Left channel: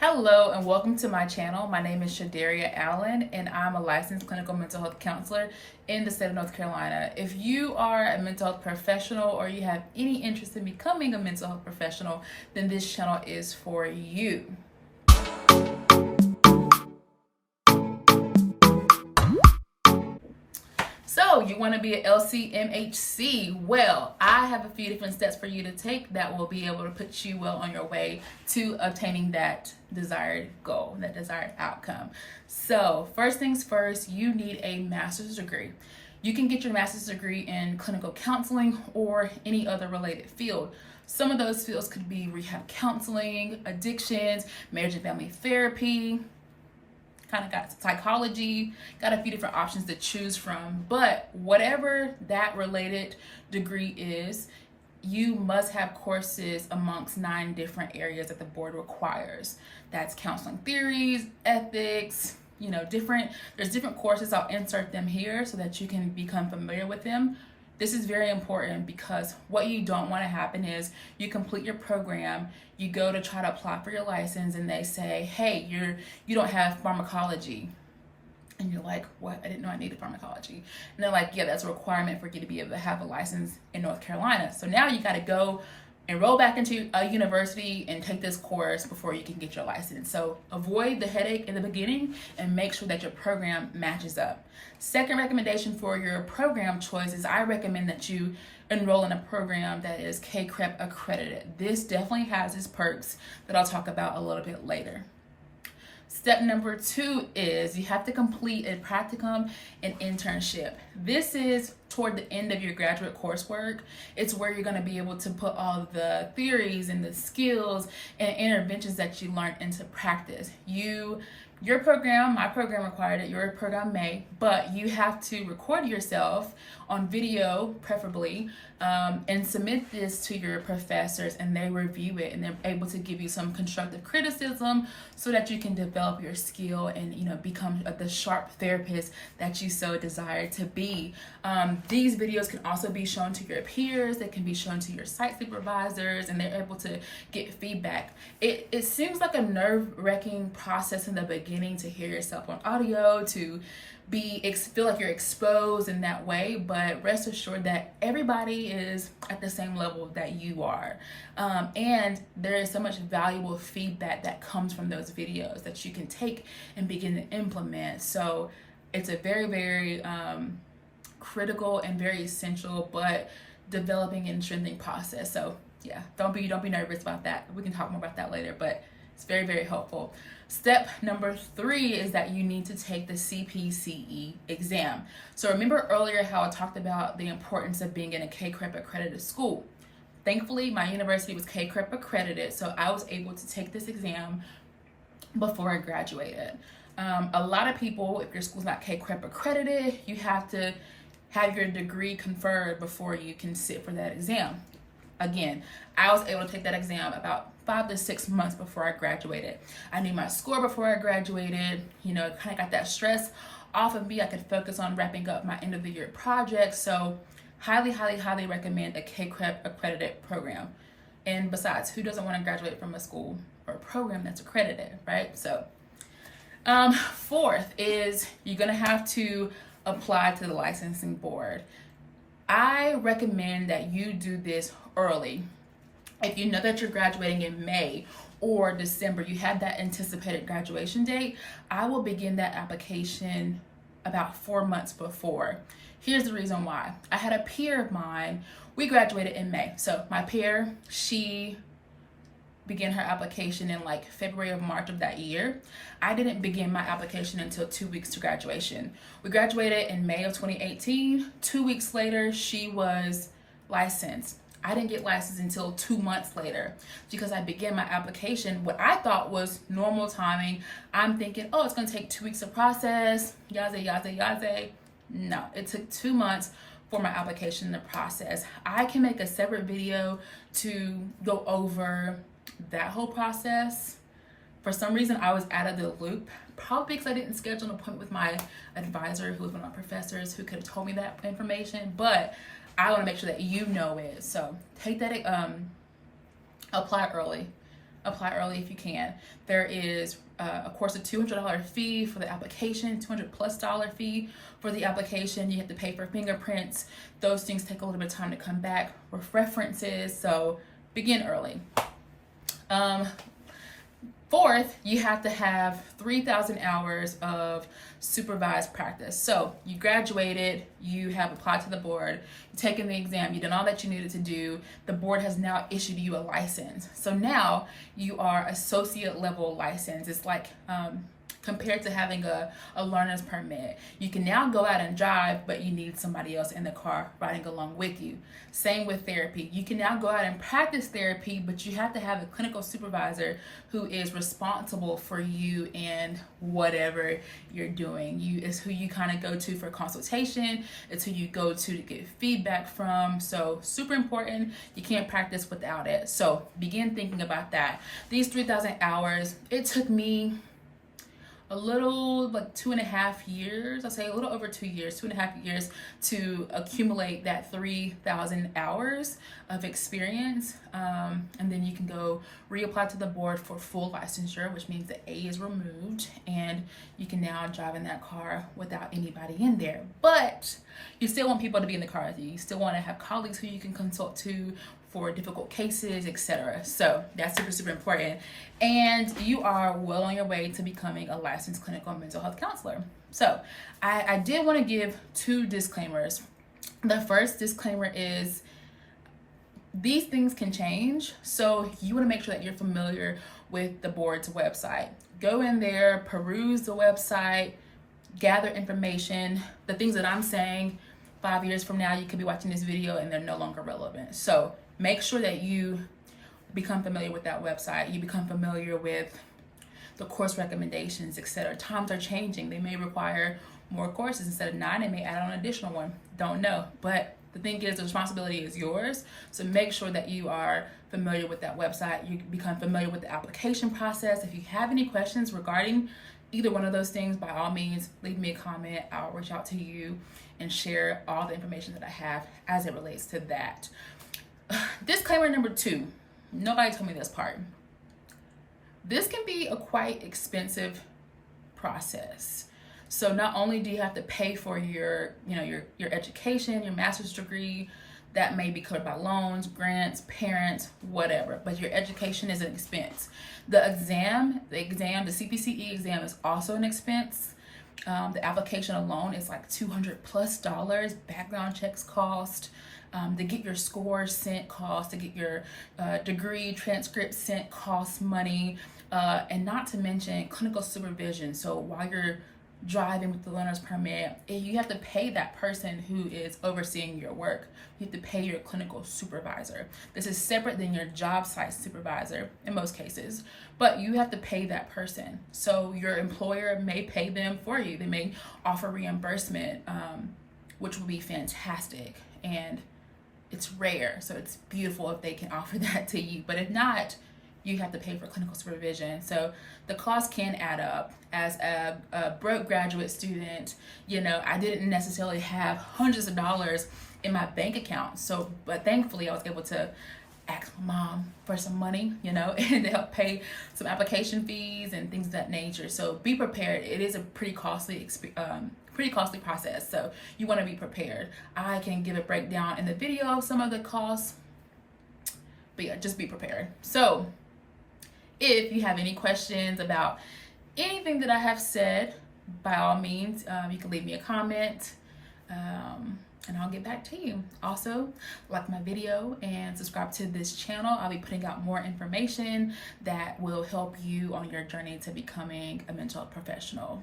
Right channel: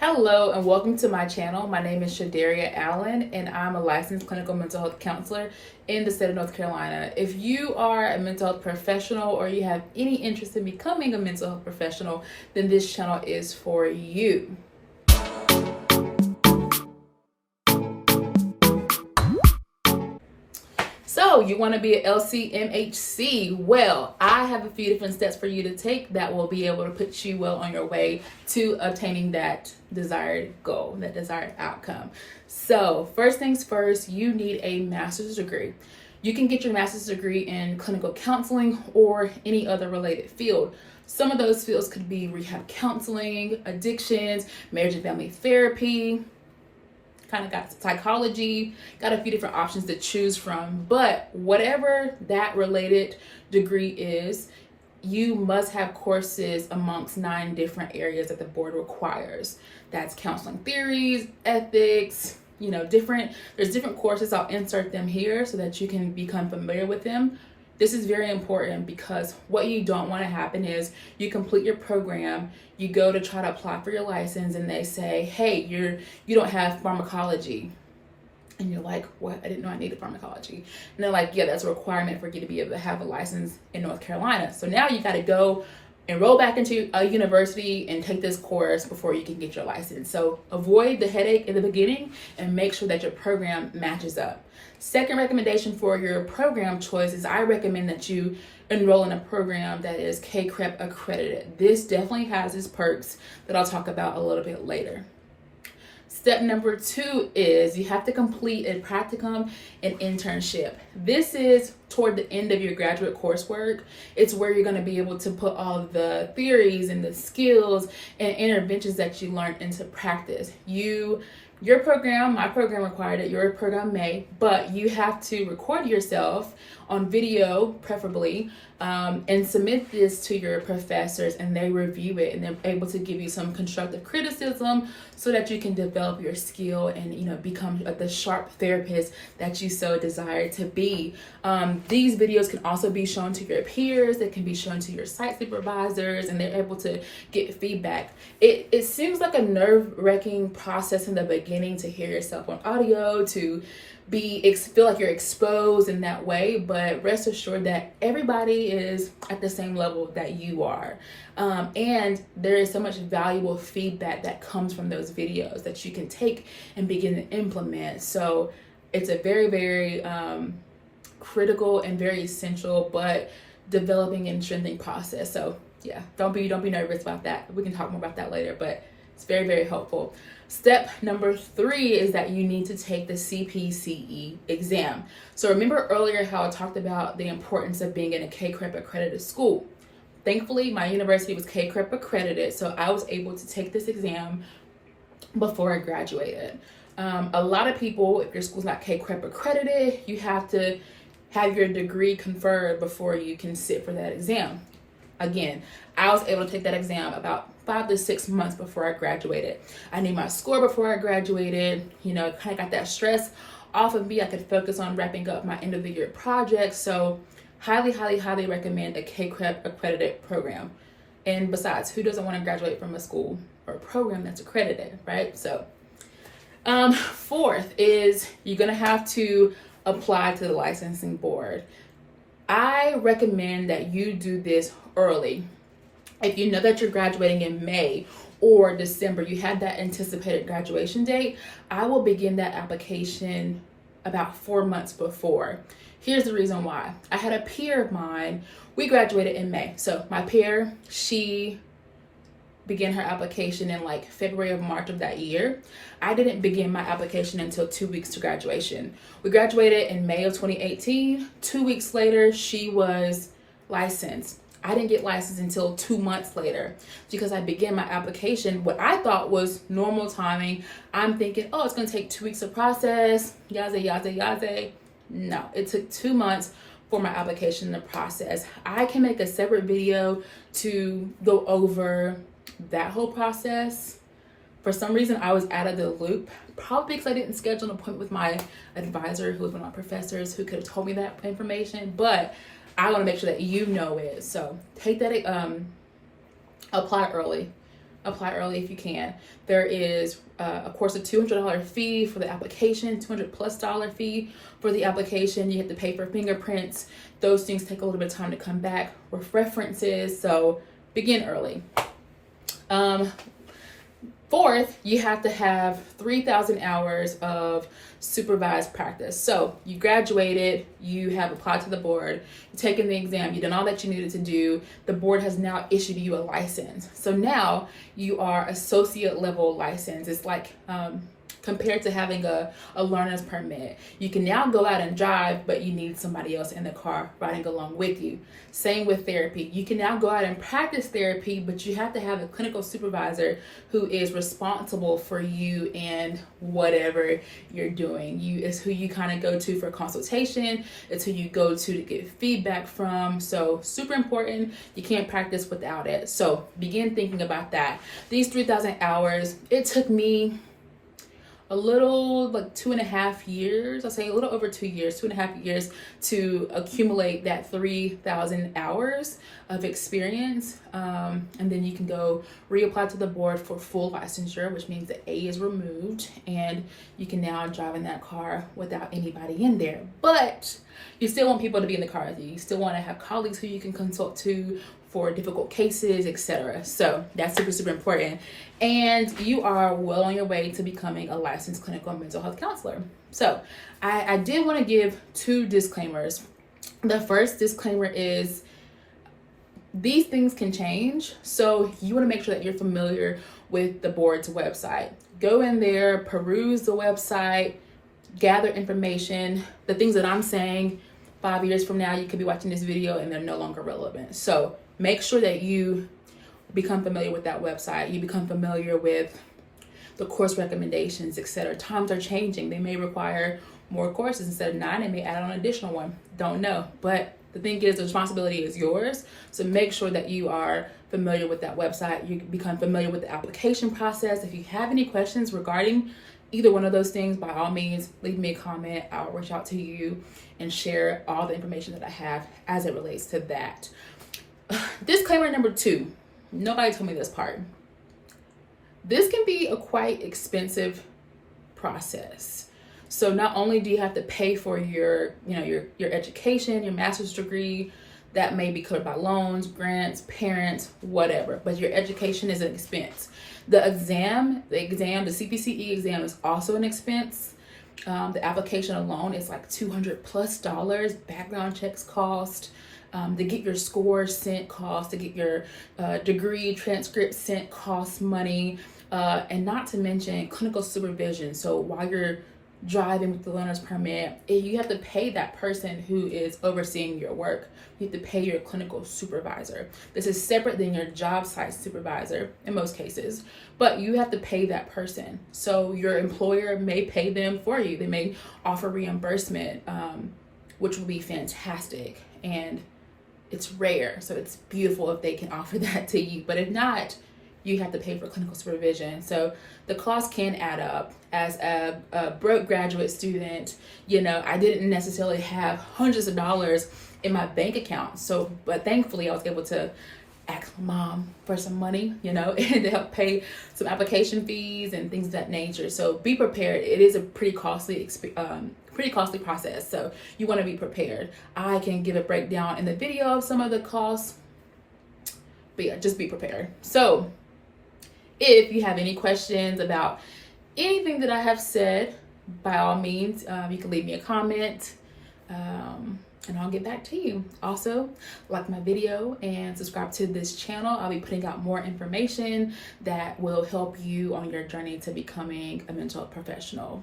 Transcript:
Hello and welcome to my channel. My name is Shadareia Allen and I'm a licensed clinical mental health counselor in the state of North Carolina. If you are a mental health professional or you have any interest in becoming a mental health professional, then this channel is for you. So you want to be an LCMHC? Well, I have a few different steps for you to take that will be able to put you well on your way to obtaining that desired goal, that desired outcome. So first things first, you need a master's degree. You can get your master's degree in clinical counseling or any other related field. Some of those fields could be rehab counseling, addictions, marriage and family therapy, kind of got psychology, got a few different options to choose from. But whatever that related degree is, you must have courses amongst 9 different areas that the board requires. That's counseling theories, ethics, there's different courses. I'll insert them here so that you can become familiar with them. This is very important because what you don't want to happen is you complete your program, you go to try to apply for your license and they say, hey, you don't have pharmacology. And you're like, what? I didn't know I needed pharmacology. And they're like, yeah, that's a requirement for you to be able to have a license in North Carolina. So now you got to go enroll back into a university and take this course before you can get your license. So avoid the headache in the beginning and make sure that your program matches up. Second recommendation for your program choice is I recommend that you enroll in a program that is CPCE accredited. This definitely has its perks that I'll talk about a little bit later. Step number 2 is you have to complete a practicum and internship. This is toward the end of your graduate coursework. It's where you're going to be able to put all the theories and the skills and interventions that you learned into practice. Your program, my program required it, your program may, but you have to record yourself on video, preferably, and submit this to your professors and they review it and they're able to give you some constructive criticism so that you can develop your skill and become the sharp therapist that you so desire to be. These videos can also be shown to your peers, they can be shown to your site supervisors, and they're able to get feedback. It seems like a nerve-wracking process in the beginning to hear yourself on audio, to feel like you're exposed in that way, but rest assured that everybody is at the same level that you are. And there is so much valuable feedback that comes from those videos that you can take and begin to implement. So it's a very, very critical and very essential, but developing and strengthening process. So yeah, don't be nervous about that. We can talk more about that later, but it's very, very helpful. Step number 3 is that you need to take the CPCE exam. So remember earlier how I talked about the importance of being in a CPCE accredited school. Thankfully, my university was CPCE accredited, so I was able to take this exam before I graduated. A lot of people, if your school's not CPCE accredited, you have to have your degree conferred before you can sit for that exam. Again, I was able to take that exam about 5 to 6 months before I graduated. I knew my score before I graduated, kind of got that stress off of me. I could focus on wrapping up my end of the year projects. So highly, highly, highly recommend a CPCE accredited program. And besides, who doesn't want to graduate from a school or a program that's accredited, right? So fourth is you're going to have to apply to the licensing board. I recommend that you do this early. If you know that you're graduating in May or December, you have that anticipated graduation date, I will begin that application about 4 months before. Here's the reason why. I had a peer of mine, we graduated in May. So my peer, she began her application in like February or March of that year. I didn't begin my application until 2 weeks to graduation. We graduated in May of 2018. 2 weeks later, she was licensed. I didn't get licensed until 2 months later because I began my application. What I thought was normal timing. I'm thinking, oh, it's gonna take 2 weeks to process, yaze. No, it took 2 months for my application to process. I can make a separate video to go over that whole process. For some reason, I was out of the loop, probably because I didn't schedule an appointment with my advisor, who was one of my professors, who could have told me that information, but I want to make sure that you know it. So take that, apply early. apply early if you can. There is of course a $200 fee for the application, $200+ fee for the application. You have to pay for fingerprints. Those things take a little bit of time to come back with references, so begin early. Fourth, you have to have 3,000 hours of supervised practice. So you graduated, you have applied to the board, you've taken the exam, you've done all that you needed to do. The board has now issued you a license. So now you are associate level license. It's like compared to having a learner's permit. You can now go out and drive, but you need somebody else in the car riding along with you. Same with therapy. You can now go out and practice therapy, but you have to have a clinical supervisor who is responsible for you and whatever you're doing. It's who you kind of go to for consultation. It's who you go to get feedback from. So super important. You can't practice without it. So begin thinking about that. These 3,000 hours, it took me a little like 2.5 years, I'll say a little over 2 years, 2.5 years to accumulate that 3,000 hours of experience. And then you can go reapply to the board for full licensure, which means the A is removed and you can now drive in that car without anybody in there. But you still want people to be in the car with you. You still want to have colleagues who you can consult to for difficult cases, etc. So that's super, super important. And you are well on your way to becoming a licensed clinical mental health counselor. So I did want to give 2 disclaimers. The first disclaimer is these things can change. So you want to make sure that you're familiar with the board's website. Go in there, peruse the website, gather information. The things that I'm saying 5 years from now, you could be watching this video and they're no longer relevant. So make sure that you become familiar with that website. You become familiar with the course recommendations, etc. Times are changing. They may require more courses. Instead of 9, they may add on an additional one. Don't know. But the thing is, the responsibility is yours. So make sure that you are familiar with that website. You become familiar with the application process. If you have any questions regarding either one of those things, by all means, leave me a comment. I'll reach out to you and share all the information that I have as it relates to that. Disclaimer number 2, nobody told me this part. This can be a quite expensive process. So not only do you have to pay for your education, your master's degree, that may be covered by loans, grants, parents, whatever, but your education is an expense. The exam, the CPCE exam is also an expense. The application alone is like $200+. Background checks cost. To get your scores sent cost, to get your degree transcript sent costs money, and not to mention clinical supervision. So while you're driving with the learner's permit, you have to pay that person who is overseeing your work. You have to pay your clinical supervisor. This is separate than your job site supervisor in most cases, but you have to pay that person. So your employer may pay them for you. They may offer reimbursement, which will be fantastic. And it's rare, so it's beautiful if they can offer that to you. But if not, you have to pay for clinical supervision. So the cost can add up. As a broke graduate student, I didn't necessarily have hundreds of dollars in my bank account. So, but thankfully I was able to ask my mom for some money, and to help pay some application fees and things of that nature. So be prepared. It is a pretty costly process. So you want to be prepared. I can give a breakdown in the video of some of the costs, but yeah, just be prepared. So if you have any questions about anything that I have said, by all means, you can leave me a comment. And I'll get back to you. Also, like my video and subscribe to this channel. I'll be putting out more information that will help you on your journey to becoming a mental health professional.